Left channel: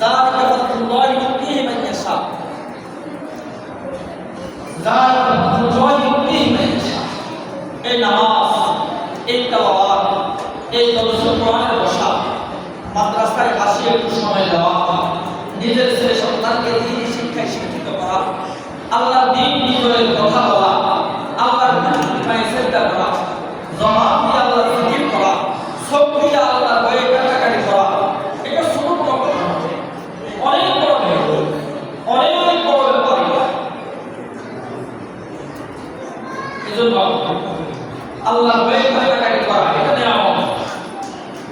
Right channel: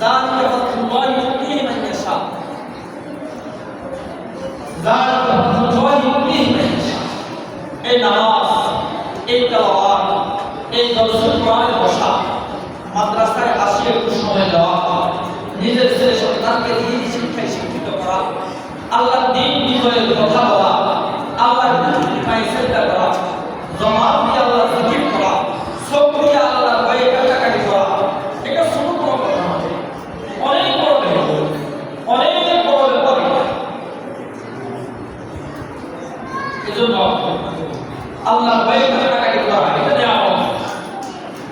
যালিকা ফাদলুল্লাহি ইউতিহি মান ইয়াশা, যালিকা ফাদলুল্লাহি ইউতিহি মান ইয়াশা। এই নামাজ, এই তেলাওয়াত, এই দরসুল কোরআনে বসা, মাদ্রাসায় আসি একটু সময় দেওয়া, নিজের ছেলে সন্তানকে দ্বীনি শিক্ষায় শিক্ষিত করা, আল্লাহর দ্বীন বিষয়ে কথা বলা, আল্লাহর কৃপায় চিন্তা করা, জবান দিয়ে আল্লাহর জিকির করা, চোখ দিয়ে আল্লাহর ভয়ে কাটাকাটি করা, এটা ছোট কোনো কথা নয়, অনেক বড় ব্যাপার, অনেক বড় ব্যাপার এটা। এজন্য আল্লাহর ভয়ে কাটাকাটি করা এটা নিয়ামত।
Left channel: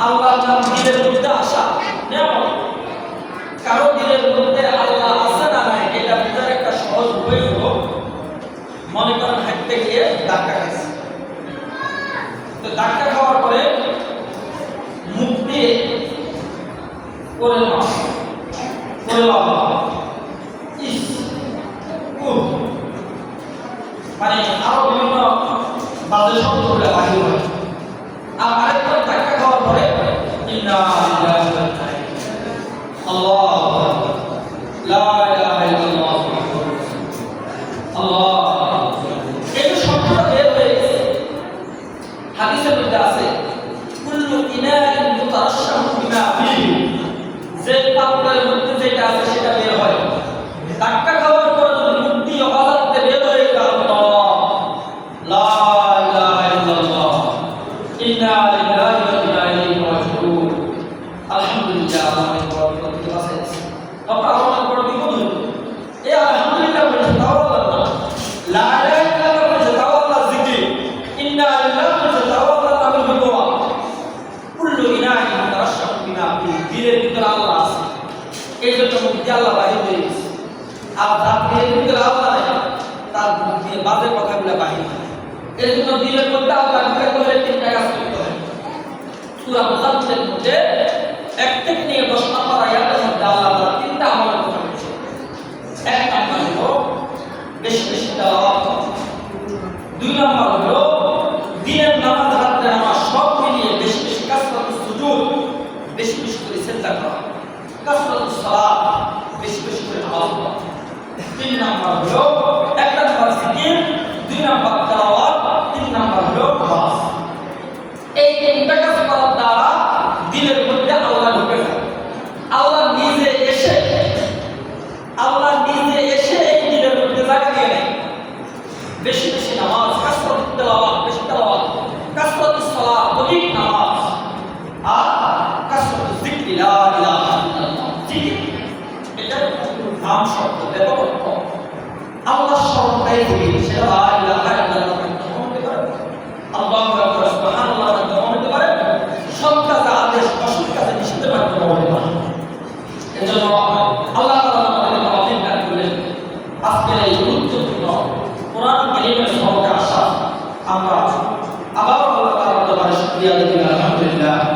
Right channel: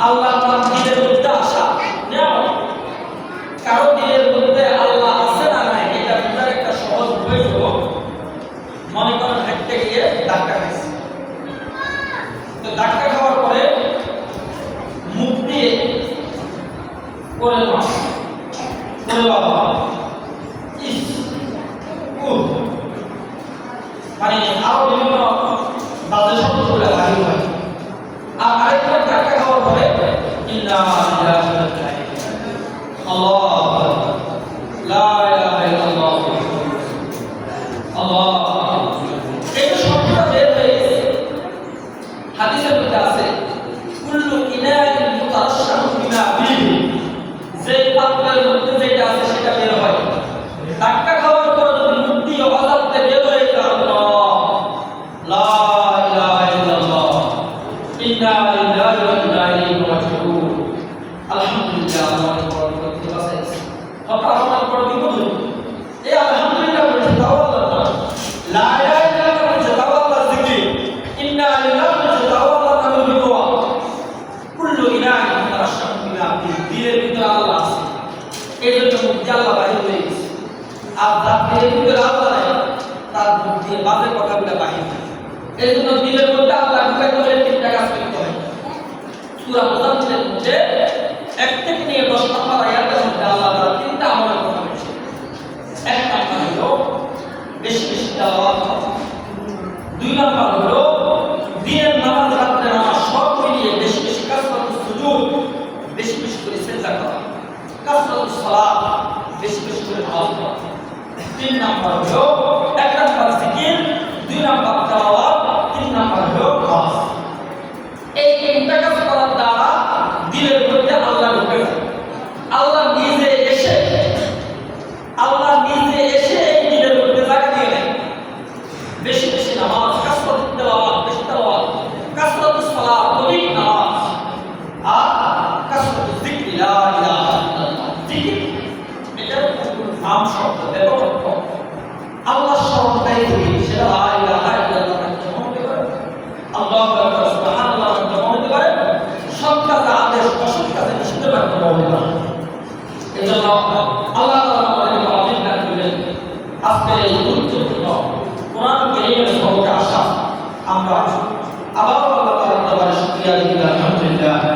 আল্লাহর নাম দিলের মধ্যে আসা নিয়ামত। কারো দিলের মধ্যে আল্লাহ আছে না নাই এটা বোঝার একটা সহজ উপায় হলো, মনে করেন হাঁটতে গিয়ে ধাক্কা খাইছে, তো ধাক্কা খাওয়ার পরে মুখ দিয়ে করে মাস করে লাভ ইস মানে আরো বিভিন্ন বাজে শব্দগুলো বাহির হয়। আর আরেকবার ধাক্কা খাওয়ার পরে ইন্না লিল্লাহি ওয়া ইন্না ইলাইহি আল্লাহু আকবার, লা ইলাহা ইল্লাল্লাহ, আল্লাহ, এই শব্দটা বের হয়ে গেছে। হাদিসের মধ্যে আছে কুল্লু ইনাইন মুতারাশশাহু বিমা ফীহি, যে পাত্রের মধ্যে যেটা আছে সেটা বের হয়। ধাক্কা খাওয়ার পরে যদি মুখ দিয়ে আওয়াজ আসতে বের হয়ে যায় আল্লাহ, লা ইলাহা ইল্লাল্লাহ, ইন্না লিল্লাহি ওয়া ইন্না ইলাইহি রাজিউন, আলহামদুলিল্লাহ, অনেক বড় বিপদ আছে। তখন অনেক বড় বিপদ হইল। এই আলহামদুলিল্লাহ বলছে তাও আল্লাহ না, লা ইলাহা ইল্লাল্লাহ বলছে তাও আল্লাহ জিকির, ইন্না লিল্লাহি বলছে তাও আল্লাহ নামের দোয়া। কুল্লু ইনাইন মুতারাশশাহু বিমা ফীহি, দিলের ভিতরে আল্লাহ আছে, এই জন্য মুখ দিয়ে আল্লাহ বাহির হয়ে গেছে। আর যার দিলের ভিতরে আল্লাহ নাই তার মুখ দিয়ে বাজে কথাগুলো বাহির হয়। এই জন্য দিলের মধ্যে আল্লাহ ঢুকাতে হলে তিনটা কাজ করতে হয়। সূরা মুজাম্মিলের মধ্যে 1 থেকে নিয়ে 10 নম্বর আয়াতের মধ্যে আল্লাহ তাআলা তিনটা আমলের কথা বলেছেন। এক নম্বর হলো বেশি বেশি তেলাওয়াত করা, 2 নম্বর হলো দিনের নামাজ, রাতের নামাজ সব মিলিয়ে বেশি বেশি কাসরাতুস সুজুদ, বেশি বেশি করে সিজদা করা, কাসরাতুস সালাত, বেশি বেশি করে নামাজ পড়া। 3 নম্বর হলো 1 নম্বর জিকির, 2 নম্বর তেলাওয়াত, 3 নম্বর হলো নামাজ। এই তিনটা কাজ করার দ্বারা দিলের মধ্যে আল্লাহ ঢুকে যায়। আল্লাহ নিজে এসে এই দিলের মধ্যে জায়গা দিয়ে নেয়। বেশি বেশি নামাজ, কাসরাতুত তেলাওয়াত, বেশি তেলাওয়াত, কাসরাতুস সালাত, অধিক নামাজ, আর কাসরাতুজ যিকরি, লা ইলাহা ইল্লাল্লাহ, জিকির। এটা নাম শব্দ ব্যাপক অর্থ। আল্লাহ স্মরণটাই জিকির, সেটা লা ইলাহা ইল্লাল্লাহ মাধ্যমে হতে পারে, আল্লাহু আকবার, সুবহানাল্লাহ মাধ্যমে হতে পারে, সৎ কাজে আদেশ, অসৎ কাজে নিষেধের মাধ্যমে হতে পারে। এজন্য আল্লাহ তাআলা আমাদেরকে তৌফিক দান করলেন। আজকের এই গুরুত্বপূর্ণ কোরআন কারীমের সহজে আসা আমরা আবার আল্লাহ তাআলার দরবারে শুকরিয়া দিই, আলহামদুলিল্লাহ।